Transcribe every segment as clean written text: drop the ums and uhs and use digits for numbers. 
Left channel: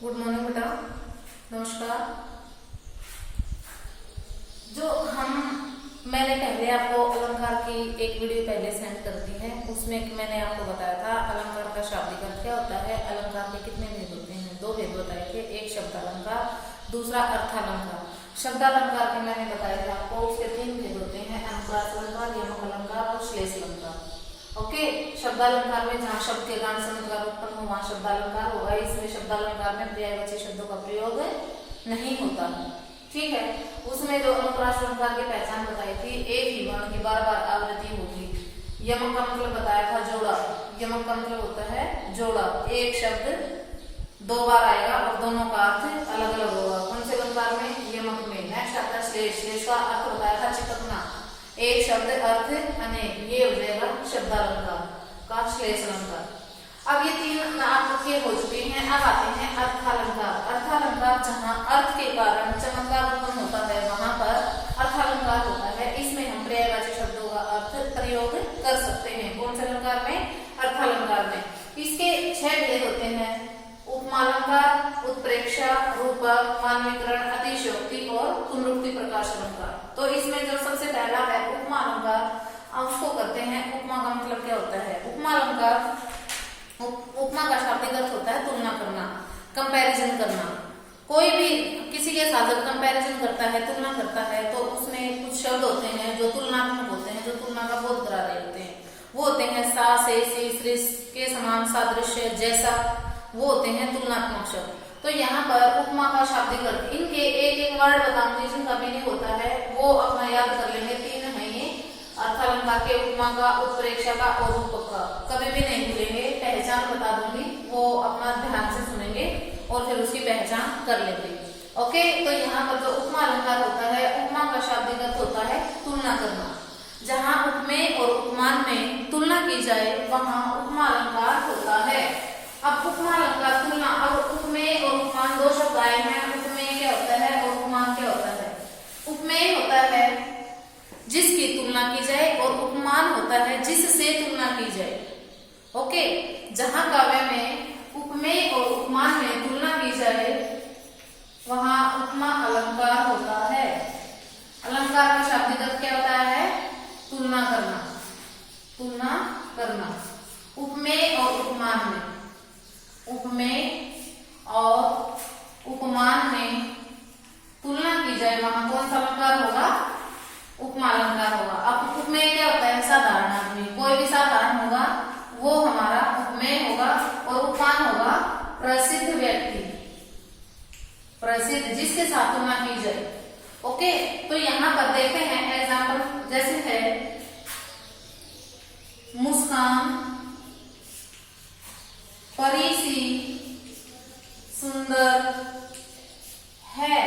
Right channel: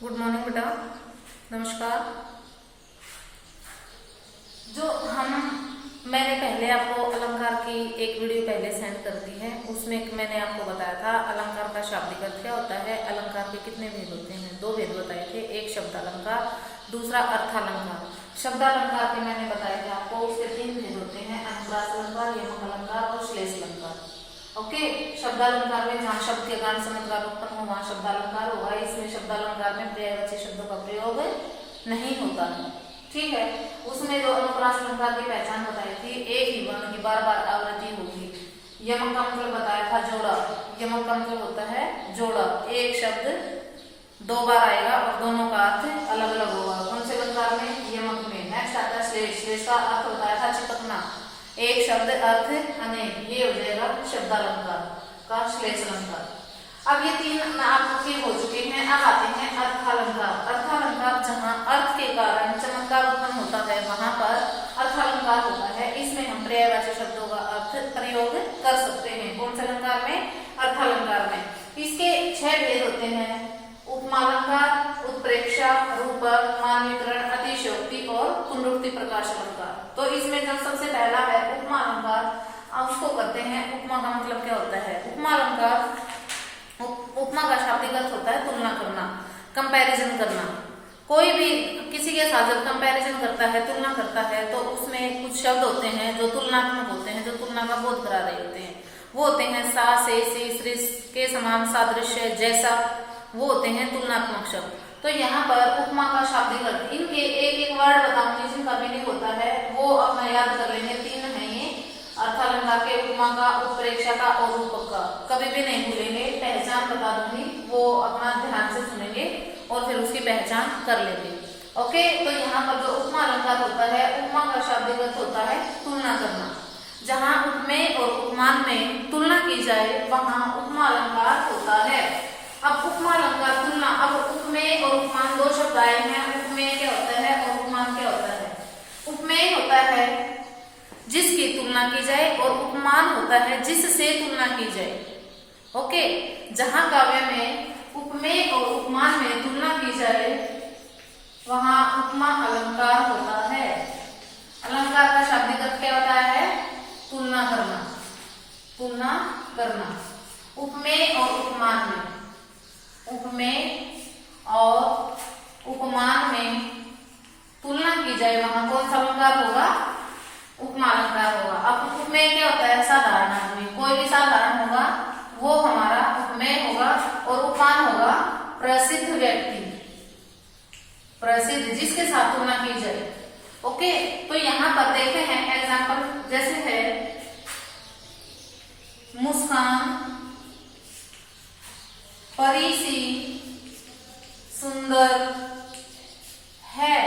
Good morning बेटा, नमस्कार। मैंने पहले आपको अलंकार की एक वीडियो पहले सेंड कर दी है। उसमें मैंने आपको बताया था अलंकार का शाब्दिक अर्थ क्या होता है, अलंकार के कितने भेद होते हैं। दो भेद बताए थे, एक शब्द अलंकार, दूसरा अर्थालंकार। शब्द अलंकार के मैंने बताए थे आपको, उसके तीन भेद होते हैं, अनुप्रास अलंकार, यमक अलंकार और श्लेष अलंकार। ओके, शब्दालंकार में जहाँ शब्द के गांठ चमत्कार उत्पन्न हो वहां शब्दालंकार होगा। इसमें शब्दालंकार में पर्यायवाची शब्दों का प्रयोग नहीं होता है, ठीक है। उसमें जो अनुप्रास अलंकार की पहचान बताई थी, एक ही वर्ण की बार बार आवृत्ति होगी। यमक का मतलब बताया था जोड़ा। यमक का मतलब होता है जोड़ा, एक शब्द दो बार आएगा और दोनों का अर्थ अलग अलग होगा। कौन से अलंकार में? यमक में। नेक्स्ट आता है श्लेष। श्लेष का अर्थ बताया था चिपकना, एक शब्द अर्थ अनेक, ये हो जाएगा शब्दालंकार का श्लेष अलंकार। अब ये तीन आपके हो चुके हैं। अब आते हैं अर्थालंकार। अर्थालंकार जहाँ अर्थ के कारण चमत्कार उत्पन्न होता है वहां पर अर्थालंकार होता है। इसमें हम पर्यायवाची शब्दों का अर्थ प्रयोग कर सकते हैं। कौन से अलंकार में? अर्थालंकार में। इसके 6 भेद होते हैं, उपमालंकार, उत्प्रेक्षा, रूपक, मानवीकरण, अतिशयोक्ति और पुनरुक्ति प्रकाश अलंकार। तो इसमें जो सबसे पहला है उपमा अलंकार, उसको करते हैं। उपमा का मतलब क्या होता है? उपमा अलंकार, उपमा का शाब्दिक अर्थ होता है तुलना करना, कंपैरिजन करना। कोई भी किसी के साथ जब कंपैरिजन करता है, तुलना करता है, तो उसमें कुछ शब्द होते हैं जो तुलनात्मक होते हैं, जो तुलना का बोध करा रहे होते हैं। वो होते हैं सा, से, सी, सृस के समान, सादृश्य, जैसा, वो होते हैं तुलनात्मक शब्द। तो यहाँ पर उपमा का शाब्दिक अर्थ, इनके एक एक वर्ड बताऊंगी जिनका मीनिंग होता है, वो अपना याद कर लेंगे। 3 है ये अर्थालंकार के, उपमा का, उत्प्रेक्षा का और रूपक का। कभी भी नहीं भूलेंगे, पहचान बता दूंगी, वो अपना ध्यान से सुनेंगे और फिर उसकी पहचान कर लेंगे। ओके, तो यहाँ पर जो उपमा अलंकार होता है, उपमा का शाब्दिक अर्थ होता है तुलना करना। जहाँ उपमेय और उपमान में तुलना की जाए वहां उपमा अलंकार होता है। अब उपमा अलंकार तुलना, अब उपमेय और उपमान 2 शब्द आए हैं। उपमेय क्या होता है और उपमान क्या होता है? उपमेय होता है जिसकी तुलना की जाए और उपमान होता है जिससे तुलना की जाए। ओके, जहां काव्य में उपमेय और उपमान में तुलना की जाए वहां उपमा अलंकार होता है। अलंकार का शाब्दिक अर्थ क्या होता है? तुलना करना, तुलना करना। उपमेय और उपमान में, उपमेय और उपमान में तुलना की जाए वहां कौन सा अलंकार होगा? उपमा अलंकार होगा। अब उपमेय क्या होता है? साधारण आदमी, कोई भी साधारण होगा वो हमारा उपमेय होगा। और उपमान होगा प्रसिद्ध व्यक्ति, प्रसिद्ध, जिसके साथ तुलना की जाए। ओके, तो यहाँ पर देखते हैं एग्जाम्पल, जैसे है मुस्कान परी सी सुंदर है।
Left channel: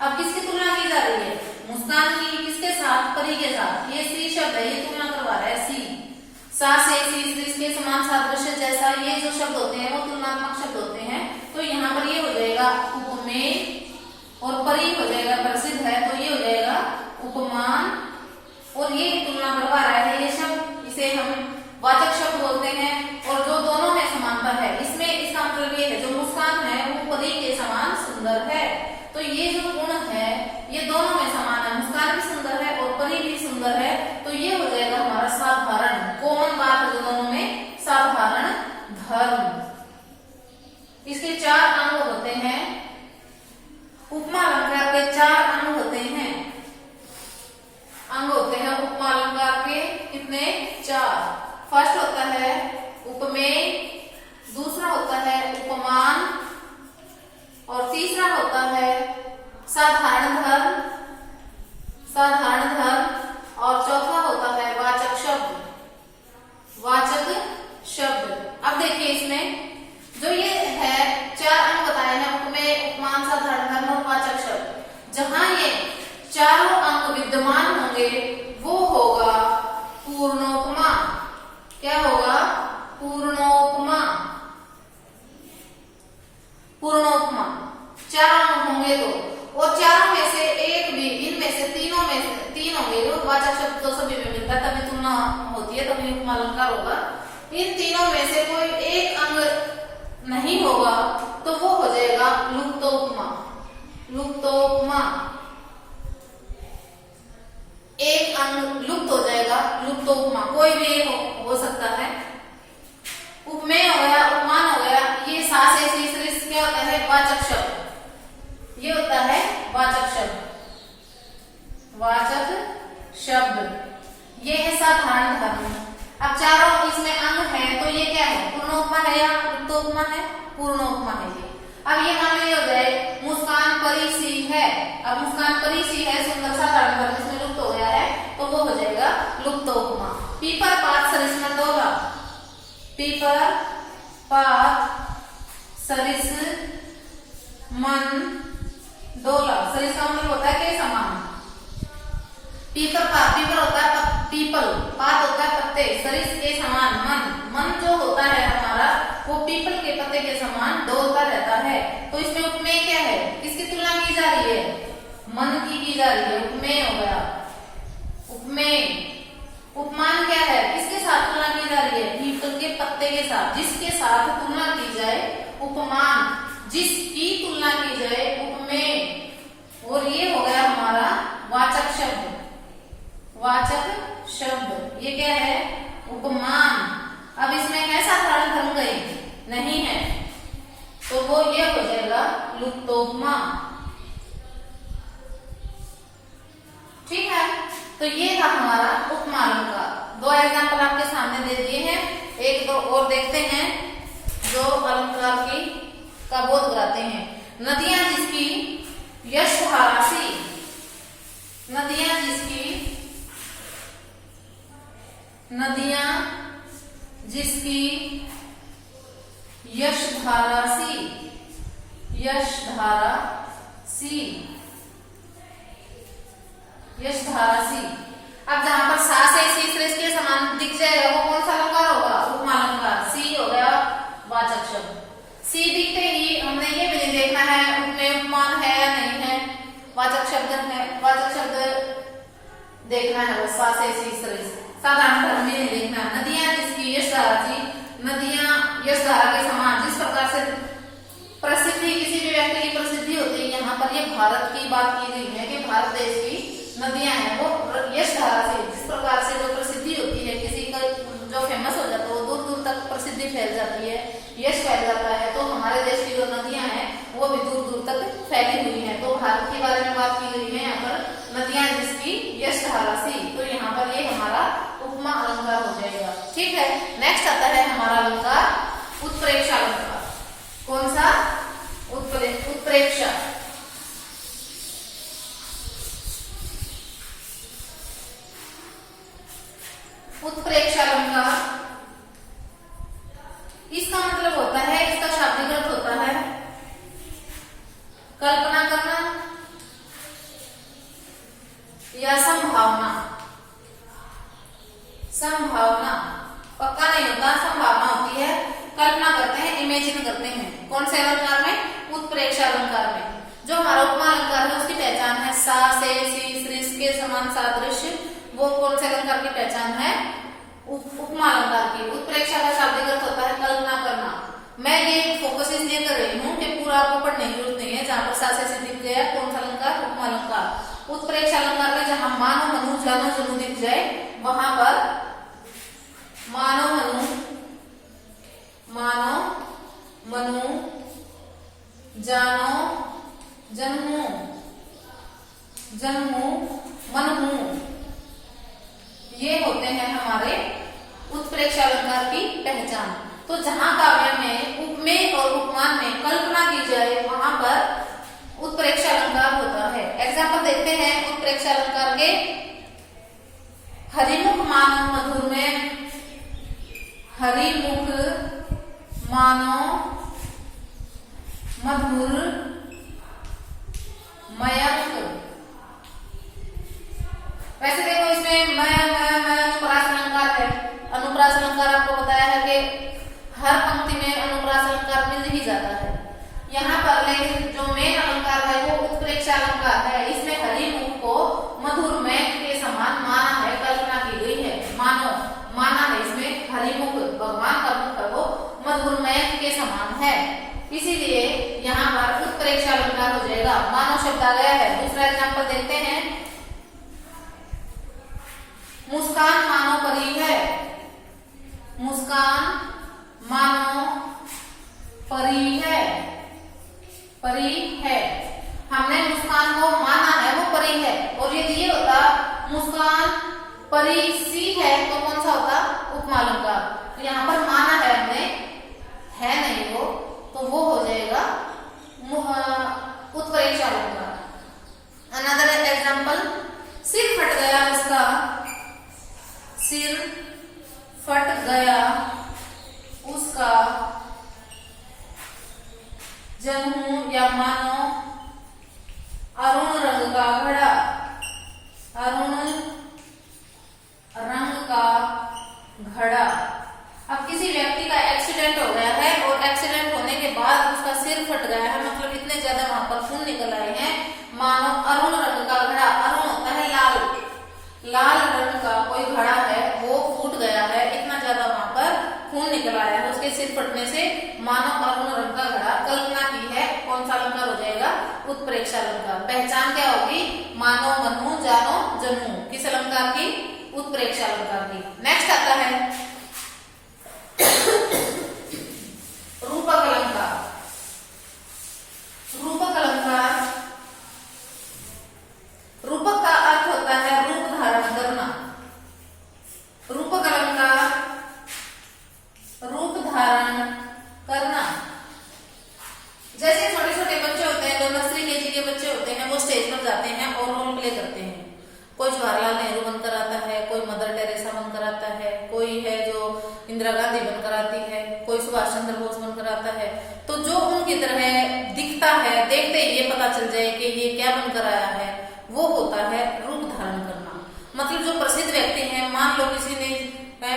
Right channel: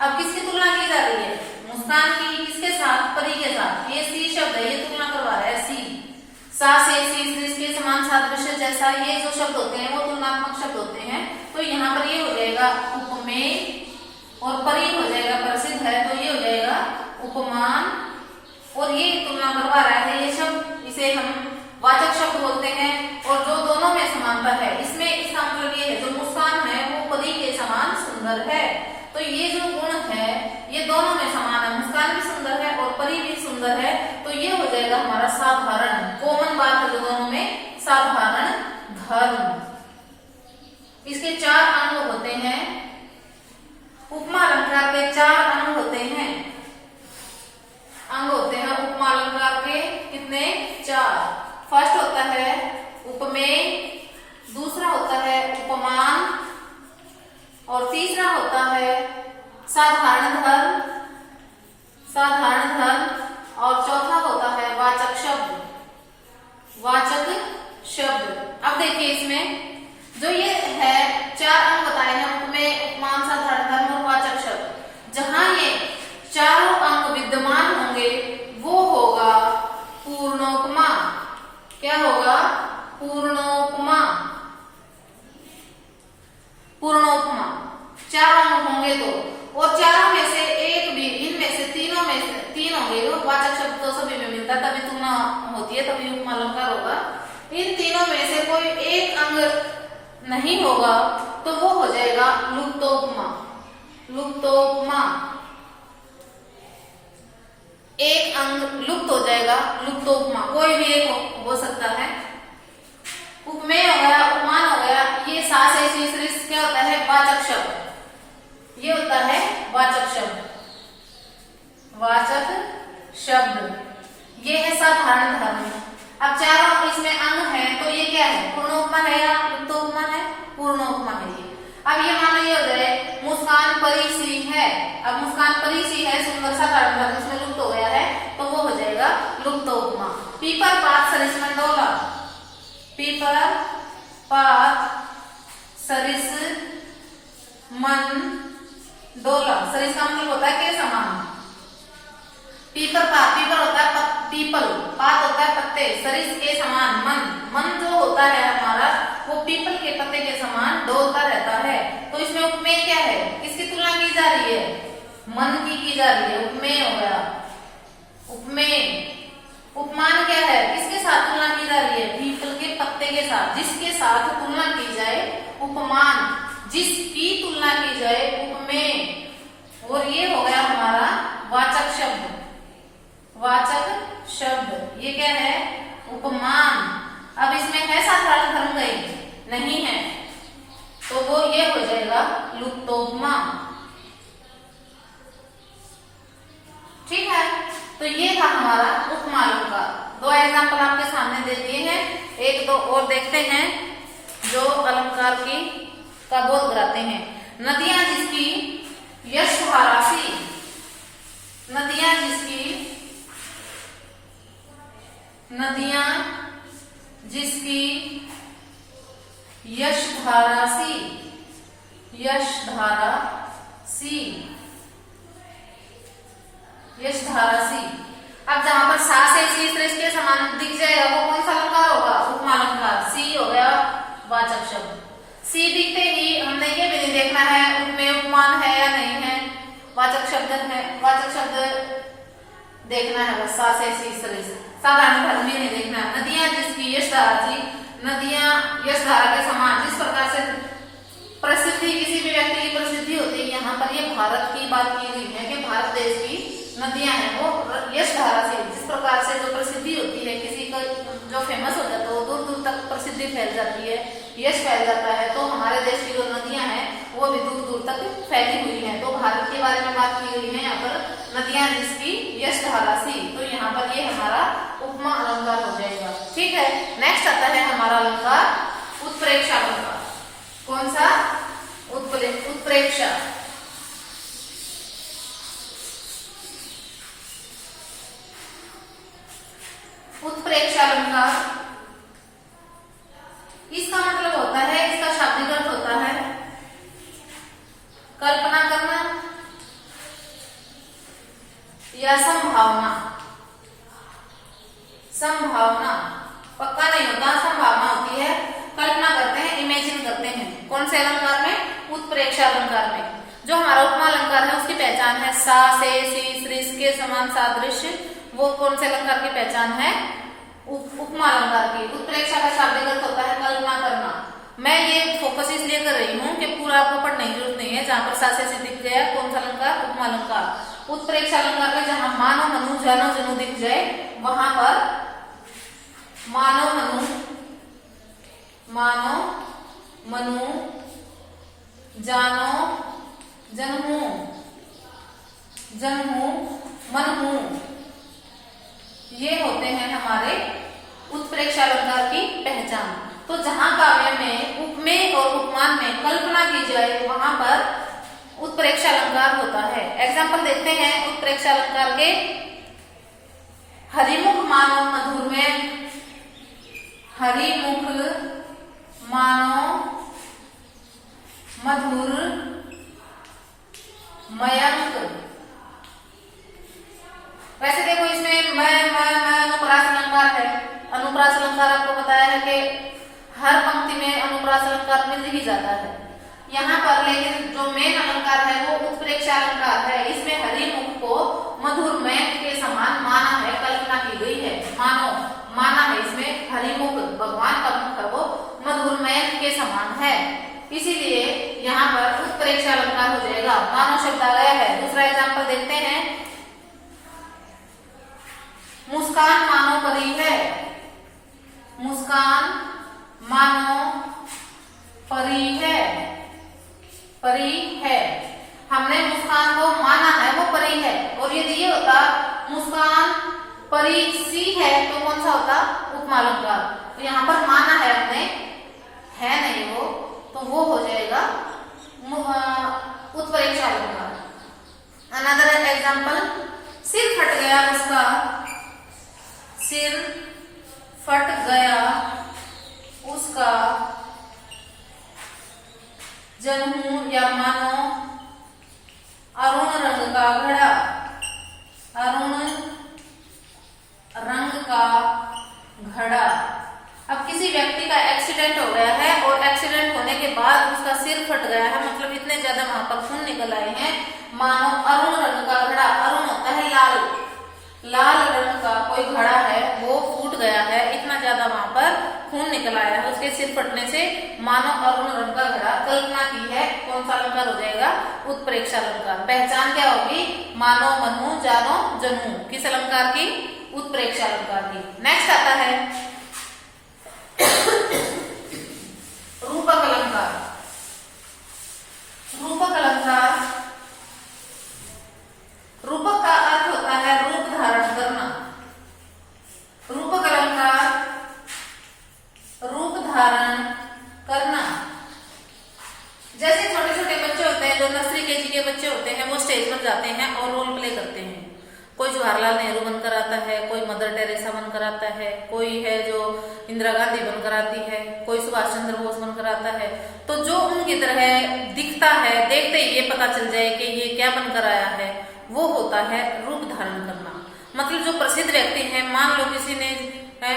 अब किसकी तुलना की जा रही है? मुस्कान की किसके साथ? परी के साथ। ये सी शब्द है, ये तुलना करवा रहा है। सी, सा, से, सी, सृस के समान, सादृश्य, जैसा, ये जो शब्द होते हैं वो तुलनात्मक शब्द होते हैं। तो यहाँ पर ये हो जाएगा उपमेय और परी हो जाएगा प्रसिद्ध है, तो ये हो जाएगा उपमान। और ये तुलना करवा रहा है, ये शब्द, इसे हम वाचक शब्द बोलते हैं। और जो दोनों में समानता है, इसमें इसका मतलब ये है जो मुस्कान है वो परी के समान सुंदर है। तो ये जो गुण है ये दोनों में समान है, मुस्कान भी सुंदर है और परी भी सुंदर है। तो ये हो जाएगा हमारा साधारण, कॉमन बात है दोनों में, साधारण धर्म। इसके 4 अंग होते हैं। उपमा अलंकार के 4 अंग होते हैं। अंग होते हैं उपमा अलंकार के कितने? 4। फर्स्ट होता है उपमेय, दूसरा होता है उपमान, और तीसरा होता है साधारण धर्म, साधारण धर्म, और चौथा होता है वाचक शब्द, वाचक शब्द। अब देखिए इसमें जो ये है 4 अंग बताए हैं, उपमेय, उपमान, साधारण धर्म और वाचक शब्द। जहां ये चारों अंग विद्यमान होंगे वो होगा पूर्णोपमा। क्या होगा? पूर्णोपमा। पूर्णोपमा 4 अंग होंगे तो, और चारों में से एक भी, इनमें से तीनों में से 3 होंगे। वाचक शब्द तो सभी में मिलता है, तभी तुलना होती है, तभी उपमा अलंकार होगा। इन तीनों में से कोई एक अंग नहीं होगा तो वो हो जाएगा लुप्तोपमा, एक अंग लुप्त हो जाएगा, लुप्तोपमा, कोई भी एक हो सकता है। उपमेय हो गया, उपमान हो गया, ये सा से सी क्या होता है, वाचक शब्द, ये होता है वाचक शब्द, वाचक शब्द, ये है साधारण धर्म। अब चारों इसमें अंग है तो ये क्या है, पूर्णोपमा है या लुप्तोपमा है, पूर्णोपमा है ये। अब ये मान लो हो जाए मुस्कान परिसी है, अब मुस्कान परिसी है, सुंदर साधारण धर्म इसमें लुप्त हो गया है तो वो हो जाएगा लुप्तोपमा। पीपर पात सरिस मंडोला, पीपर पात सरिस मन डोला, सरिस का मतलब होता है के समान। पीपर पात, पीपर होता है पीपल, पात होता है पत्ते, सरिस के समान, मन, मन जो होता है हमारा वो पीपल के पत्ते के समान डोलता रहता है। तो इसमें उपमेय क्या है, किसकी तुलना की जा रही है, मन की जा रही है, उपमेय हो गया, उपमेय। उपमान क्या है, किसके साथ तुलना की जा रही है, पीपल के पत्ते के साथ, जिसके साथ तुलना की जाए उपमान, जिसकी तुलना की जाए उपमेय। और ये हो गया हमारा वाचक शब्द, वाचक शब्द, ये क्या है, उपमान। अब इसमें है साधारण धर्म कहीं नहीं है तो वो ये हो जाएगा लुप्तोपमा। ठीक है, तो ये था हमारा उपमा अलंकार। दो एग्जांपल आपके सामने दे दिए हैं, एक दो और देखते हैं जो अलंकार की का बोध कराते हैं। नदियां जिसकी यश धारा सी, नदियां जिसकी, नदियां जिसकी यश धारा सी, यश धारा सी, यश धारा सी। अब जहां पर सा से सी के समान दिख जाएगा वो कौन सा अलंकार होगा, उपमा अलंकार। सी हो गया वाचक शब्द, सी दिखते ही हमने ये भी नहीं देखना है उपमेय उपमान है या नहीं है, वाचक शब्द है, वाचक शब्द देखना है बस, सा से सी साधारण धर्म में नहीं देखना है। नदियां जिसकी यश धारा थी, नदियां यश धारा के समान, जिस प्रकार से प्रसिद्धि, किसी भी व्यक्ति की प्रसिद्धि होती है, यहाँ पर ये भारत की बात की गई है कि भारत देश की नदियां हैं वो यश धारा से, जिस प्रकार से जो प्रसिद्धि होती है, किसी का जो फेमस हो जाता है वो दूर दूर तक प्रसिद्धि फैल जाती है, यश फैल जाता है। तो हमारे देश की जो नदियां हैं वो भी दूर दूर तक फैली हुई हैं। तो भारत के बारे में बात की गई है यहाँ पर, नदियां जिसकी यश धारा सी, तो यहाँ पर ये हमारा उपमा अलंकार हो जाएगा। ठीक है, नेक्स्ट आता है हमारा अलंकार उत्प्रेक्षा अलंकार। कौन सा, उत्प्रेक्षा। उत्प्रेक्षा अलंकार, इसका मतलब होता है, इसका शाब्दिक अर्थ होता है कल्पना करना या संभावना। संभावना पक्का नहीं होता, संभावना होती है, कल्पना करते हैं, इमेजिन करते हैं। कौन से अलंकार में, उत्प्रेक्षा अलंकार में। जो हमारा उपमा अलंकार है उसकी पहचान है सा से सी सृस के समान सादृश्य, वो कौन से अलंकार की पहचान है, उपमा अलंकार की। उत्प्रेक्षा का शाब्दिक अर्थ होता है कल्पना करना। मैं ये फोकस इसलिए कर रही हूँ कि पूरा आपको पढ़ने की जरूरत नहीं है, जहां पर सा से दिख गया कौन सा अलंकार, उपमा अलंकार। उत्प्रेक्षा अलंकार में जहां मानो मनु जानो जनु दिख जाए वहां पर मानो मनु, मानो मनु जानो जनहू, जनहू मनहू, ये होते हैं हमारे उत्प्रेक्षा अलंकार की पहचान। तो जहां काव्य में उपमेय और उपमान में कल्पना की जाए वहां पर उत्प्रेक्षा अलंकार होता है। एग्जाम्पल देखते हैं उत्प्रेक्षा अलंकार के। हरिमुख मानो मधुर में, हरिमुख मानो मधुर मयंक। वैसे देखो इसमें मैं अनुप्रास अलंकार है। अनुप्रास अलंकार आपको बताया है कि हर पंक्ति में अनुप्रास अलंकार मिल ही जाता है। यहाँ पर लेकिन जो मेन अलंकार है वो उत्प्रेक्षा अलंकार है। इसमें हरिमुख को मधुर मयंक के समान माना है, कल्पना की गई है, माना है। इसमें हरिमुख भगवान का मुख है वो मधुर मयंक के समान है, इसीलिए यहाँ पर उत्प्रेक्षा अलंकार हो जाएगा। मानो शब्द आ गया है। दूसरा एग्जाम्पल देखते हैं। मुस्कान मानो परी है। मुस्कान मानो परी है। परी है, हमने मुस्कान को माना है वो परी है। और यदि ये होता मुस्कान परी सी है तो कौन सा होता? उपमा अलंकार। तो यहाँ पर माना है हमने, है नहीं वो, तो वो हो जाएगा उत्प्रेक्षा अलंकार। अनदर एग्जाम्पल, सिर फट गया उसका। सिर फट गया उसका। जन्मू या मानो अरुण रंग का घड़ा। अरुण रंग का घड़ा। अब किसी व्यक्ति का एक्सीडेंट हो गया है और एक्सीडेंट होने के बाद उसका सिर फट गया है, मतलब इतने ज्यादा वहां पर खून निकल आए हैं, मानो अरुण रंग का घड़ा। अरुण होता है लाल, लाल रंग का कोई घड़ा है वो फूट गया है, इतना ज्यादा वहां पर खून निकल आया है उसके सिर फटने से, मानो अरुण रंग का घड़ा। कल्पना की है, कौन सा अलंकार हो जाएगा? उत्प्रेक्षा अलंकार। पहचान क्या होगी? मानो मनु जानो जनू। किस अलंकार की? उत्प्रेक्षा अलंकार की। नेक्स्ट आता है रूपक अलंकार। रूपक अलंकार, रूपक का अर्थ होता है रूप धारण करना। रूपक अलंकार रूप धारण करना। जैसे छोटे छोटे बच्चे होते हैं, जो नर्सरी केजी के बच्चे होते हैं, वो स्टेज पर जाते हैं और रोल प्ले करते हैं। कोई जवाहरलाल नेहरू बनकर आता है, कोई मदर टेरेसा बनकर आता है, कोई है जो इंदिरा गांधी बनकर आती है, कोई सुभाष चंद्र बोस बनकर आता है। तो जो उनकी तरह दिखता है, देखते ही ये पता चल जाए कि ये क्या बनकर आया है, वो होता है रूप धारण करना। मतलब जो प्रसिद्ध व्यक्ति है, मान लो किसी ने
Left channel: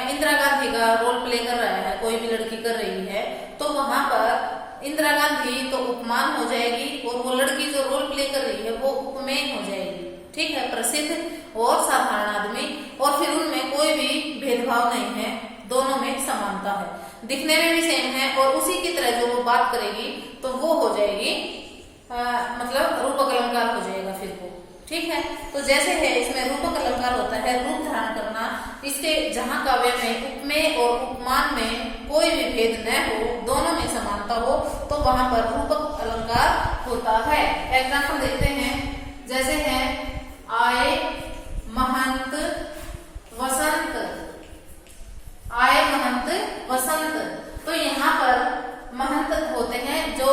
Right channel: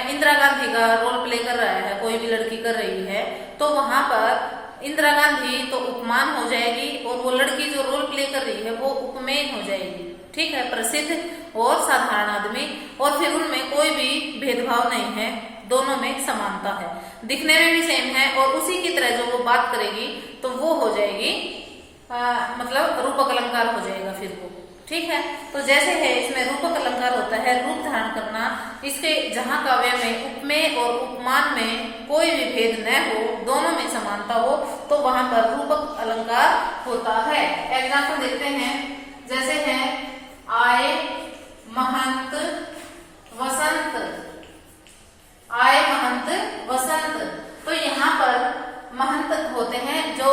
इंदिरा गांधी का रोल प्ले कर रहा है, कोई भी लड़की कर रही है, तो वहां पर इंदिरा गांधी तो उपमान हो जाएगी और वो लड़की जो रोल प्ले कर रही है वो उपमेय हो जाएगी। ठीक है, प्रसिद्ध और साधारण आदमी, और फिर उनमें कोई भी भेदभाव नहीं है, दोनों में समानता है, दिखने में भी सेम है, और उसी की तरह जो वो बात करेगी तो वो हो जाएगी मतलब रूपक अलंकार हो जाएगा फिर वो। ठीक है, तो जैसे है इसमें रूपक अलंकार होता है रूप धारण करना। इसके जहां काव्य में उपमेय और उपमान में कोई भी भेद न हो, दोनों में समानता हो, तो वहां पर रूपक अलंकार होता है। एग्जाम्पल देखते हैं। जैसे है आए महंत वसंत। आए महंत वसंत, तो यहाँ पर महंत होते हैं जो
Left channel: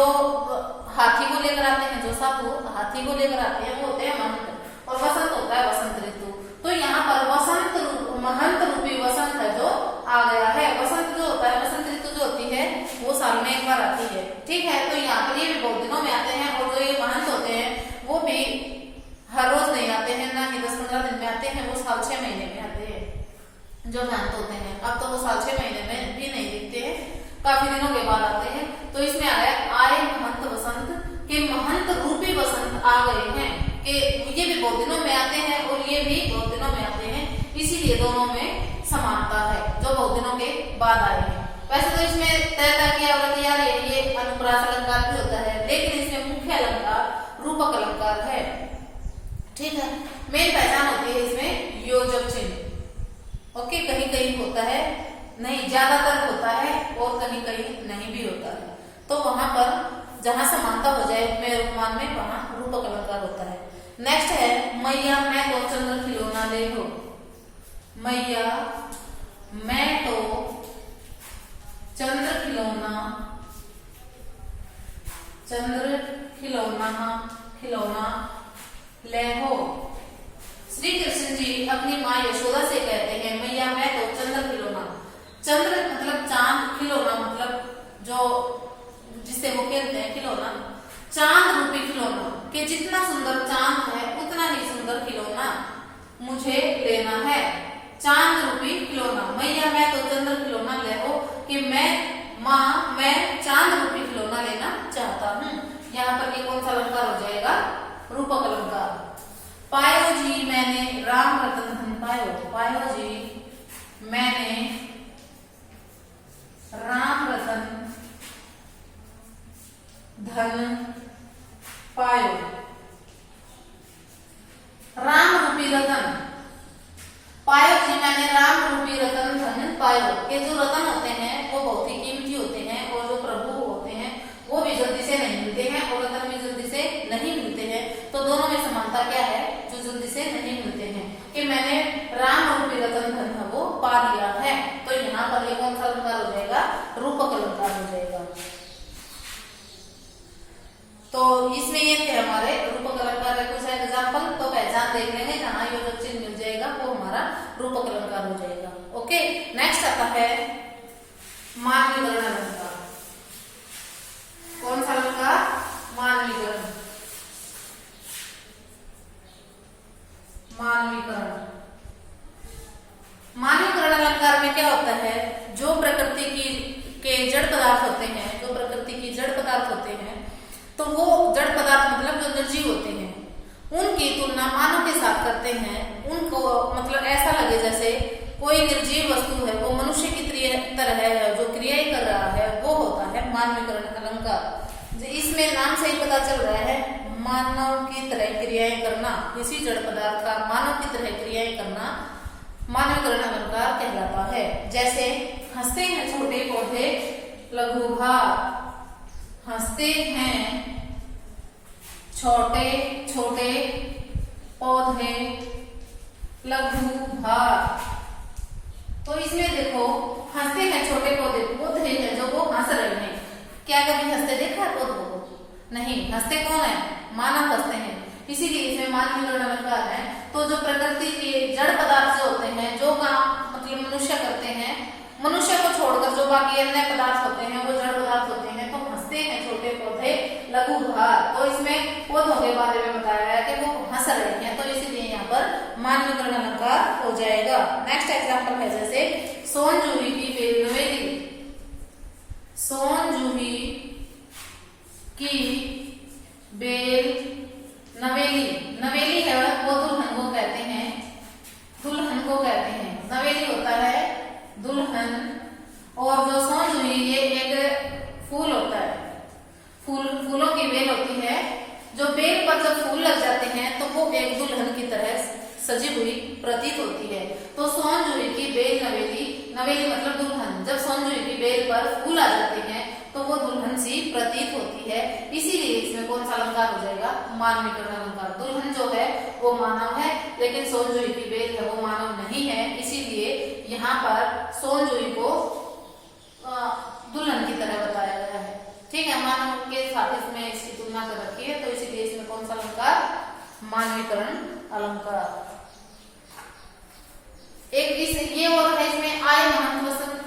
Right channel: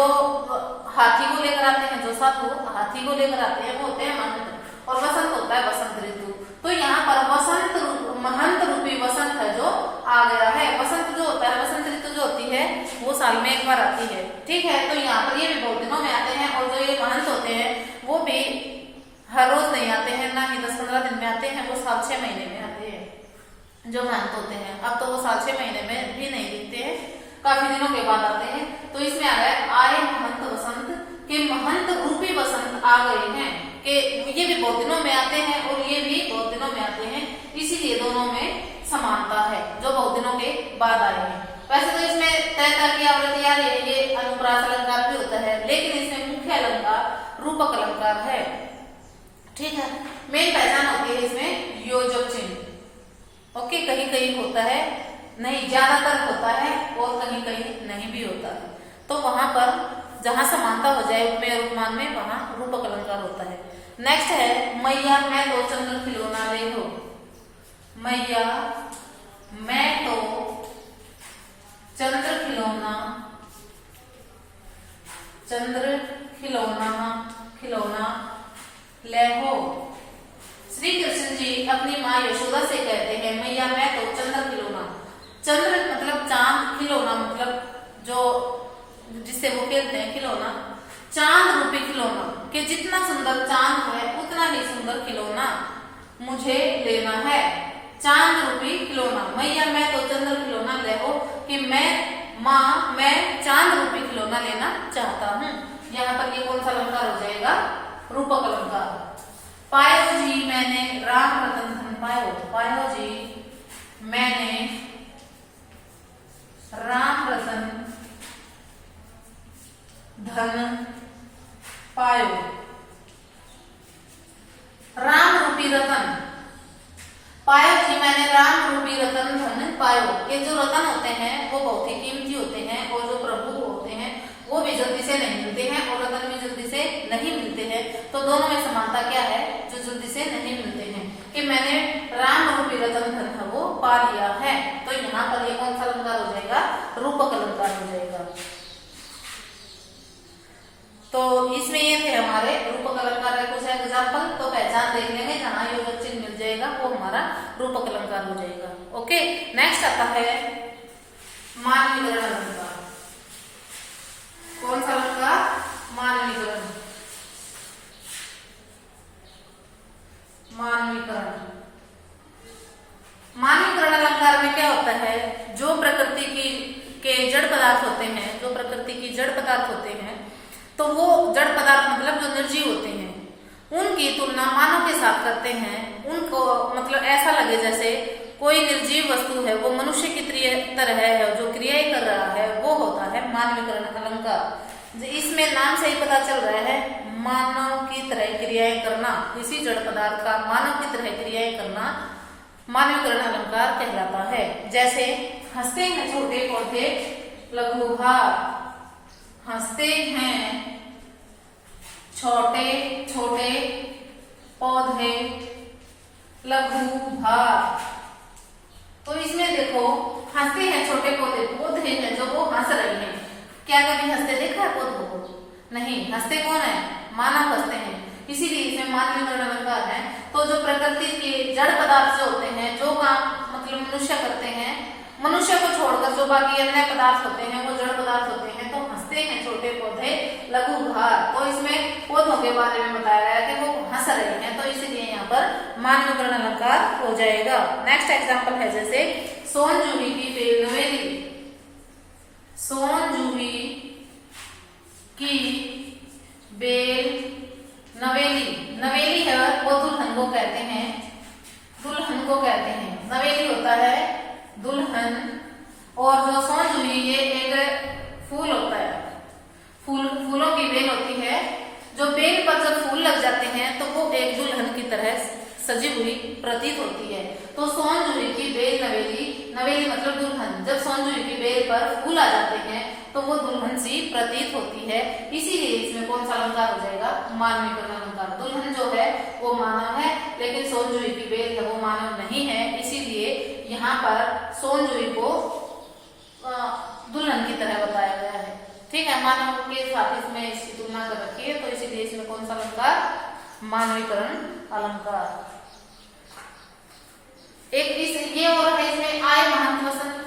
हाथी को लेकर आते हैं, जो साधु हाथी को लेकर आते हैं वो होते हैं महंत, और वसंत होता है वसंत ऋतु। तो यहाँ पर वसंत महंत रूपी वसंत है जो आ गया है। वसंत जो होता है, वसंत ऋतु जो होती है वो साल में एक बार आती है। ठीक है, तो यहाँ पर ये भी बहुत दिनों में आते हैं, और जो ये महंत होते हैं वो भी हर रोज नहीं आते हैं, ना ही 10-15 दिन में आते हैं, वो साल 6 महीने में आते हैं जो महंत होते हैं। अब तो वो साल 6 महीने में भी नहीं दिखते हैं, काफी दिनों के बाद आते हैं। तो इसमें आ गया आए महंत वसंत, के महंत रूपी वसंत आ गए हैं, कि ये भी बहुत दिनों में आते हैं और ये भी बहुत दिनों में आते हैं, इसीलिए दोनों में समानता है, जो बहुत दिनों के बाद आए हैं। वैसे तो इसमें तयता की आवृत्ति आ रही है, ये अनुप्रास अलंकार भी होता है, लेकिन इसमें मुख्य अलंकार रूपक अलंकार है। ठीक है, मेन पहचान होती है इसमें योजक चिन्ह। ओके, कहीं कहीं होता है, नहीं ज्यादातर होता है, और कहीं कहीं नहीं भी होता है। तो वहां पर जहां समानता हो जाए उपमेय और उपमान में, वहां रूपक अलंकार होता है। नेक्स्ट है मैया मैं तो चंद्र खिलौना ले लो। मैया मैं तो चंद्र खिलौना, चंद्र खिलौना खिलौना ले हो। श्री कृष्ण जी अपनी माँ यशोदा से कहते हैं मैया मैं तो चंद्र खिलौना। चंद्र मतलब चांद, खिलौना मतलब जो जिससे वो खेलते हैं खिलौना, चांद रूपी खिलौना, कि जितना सुंदर चांद है उतना ही सुंदर खिलौना मुझे लेना है। चांद रूपी खिलौना, मैया मैं तो चंद्र खिलौना ले हो, कि मैं माँ मैं चांद रूपी खिलौना लेना चाहता हूँ। यहाँ पर ये कौन सा अलंकार हो जाएगा? रूपक अलंकार। पायो जी मैंने राम रतन धन पायो। पायो जी मैंने राम रतन धन पायो। राम रूपी रतन पायो जी मैंने, राम रूपी रतन धन पायो। ये जो रतन होते हैं वो बहुत ही कीमती होते हैं, और जो प्रभु होते हैं वो भी जल्दी से नहीं मिलते हैं, और रतन भी जल्दी से नहीं मिलते हैं। तो दोनों में समानता क्या है, जो जल्दी से नहीं मिलते हैं, कि मैंने राम रूपी रतन धन है वो पा लिया है। तो यहाँ पर ये कौन सा अलंकार हो जाएगा, रूपक अलंकार हो जाएगा। तो इसमें ये थे हमारे रूपक अलंकार के कुछ एग्जाम्पल। तो पहचान देख लेंगे, जहां योजक चिन्ह मिल जाएगा वो हमारा रूपक अलंकार हो जाएगा। ओके, नेक्स्ट आता है मानवीकरण अलंकार। कौन सा अलंकार, मानवीकरण। मानवीकरण मानवीकरण अलंकार में क्या होता है, जो प्रकृति की के जड़ पदार्थ होते हैं, जो प्रकृति की जड़ पदार्थ होते हैं, तो वो जड़ पदार्थ मतलब जो निर्जीव होते हैं, उनकी तुलना मानव के साथ करते हैं। उनको मतलब ऐसा लगे जैसे कोई निर्जीव वस्तु है वो मनुष्य की तरह है, जो क्रियाएं कर रहा है, वो होता है मानवीकरण अलंकार। इसमें नाम से ही पता चल रहा है, मानव की तरह क्रियाएं करना, किसी जड़ पदार्थ का मानव की तरह क्रियाएं करना मानवीकरण अलंकार कहलाता है। जैसे हंसते हैं छोटे पौधे लघुभार, हंसते हैं छोटे छोटे पौधे लघुभार। तो इसमें देखो, हंसते हैं छोटे पौधे, पौधे हैं जो वो हंस रहे हैं। क्या कभी हंसते देखा है पौधों को? नहीं। हंसते कौन है, मानव हंसते हैं, इसीलिए इसमें मानवीकरण अलंकार है। तो जो प्रकृति के जड़ पदार्थ जो होते हैं, जो काम मतलब मनुष्य करते हैं, मनुष्य को छोड़कर जो बाकी अन्य पदार्थ होते हैं वो जड़ पदार्थ होते हैं। तो हंसते हैं छोटे पौधे लघुभार, तो इसमें पौधों के बारे में बताया गया कि वो हंस रहे हैं, तो इसीलिए यहाँ पर मानवीकरण अलंकार हो जाएगा। नेक्स्ट एग्जाम्पल है जैसे सोन जूही की बेल नवेली। सोन जूही की बेल नवेली, नवेली है वो दुल्हन को कहते हैं, दुल्हन को कहते हैं। नवेली होता है दुल्हन, और जो सोन जूही ये एक फूल होता है, फूलों की बेल होती है। जो बेल पर जब फूल लग जाते हैं तो वो एक दुल्हन की तरह सजी हुई प्रतीत होती है। तो सोन जूही की बेल नवेली, नवेली मतलब दुल्हन, जब सोन जूही की बेल पर फूल आ जाते हैं तो वो दुल्हन सी प्रतीत होती है। इसीलिए इसमें कौन सा अलंकार हो जाएगा, मानवीकरण अलंकार। दुल्हन जो है वो मानव है, लेकिन सोन जूही की बेल है वो मानव नहीं है, इसीलिए यहाँ पर सोन जूही को दुल्हन की तरह बताया गया है। ठीक है, मानव के साथ इसमें इसकी तुलना कर रखी है, तो इसीलिए इसमें कौन सा अलंकार, मानवीकरण अलंकार। एक इस ये और है इसमें आय महंत वसंत,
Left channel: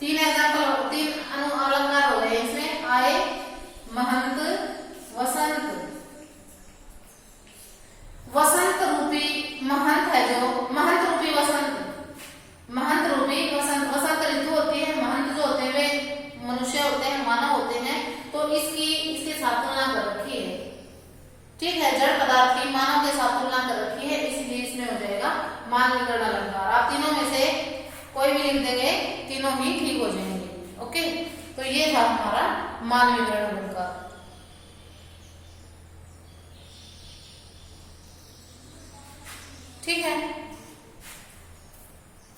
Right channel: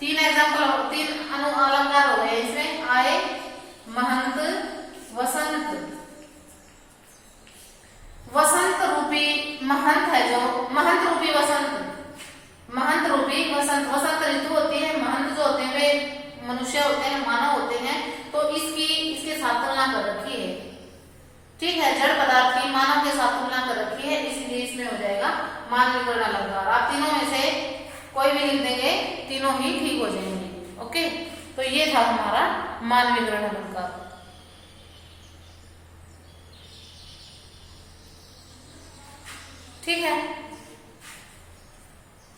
तीन एग्जाम्पल, तीन अलंकार हो गए इसमें, आय महंत वसंत। वसंत रूपी महंत है, जो महंत रूपी वसंत, महंत रूपी वसंत, वसंत ऋतु होती है। महंत जो होते हैं वे मनुष्य होते हैं, मानव होते हैं, तो इसके साथ तुलना कर रखी है। ठीक है, जड़ पदार्थ की मानव के साथ तुलना कर रखी है, इसलिए इसमें हो जाएगा मानवीकरण अलंकार। आप तीनों में से कोई भी लिख देंगे, तीनों ही ठीक हो जाएंगे। ओके, तो ये था हमारा मानवीकरण अलंकार। ठीक है।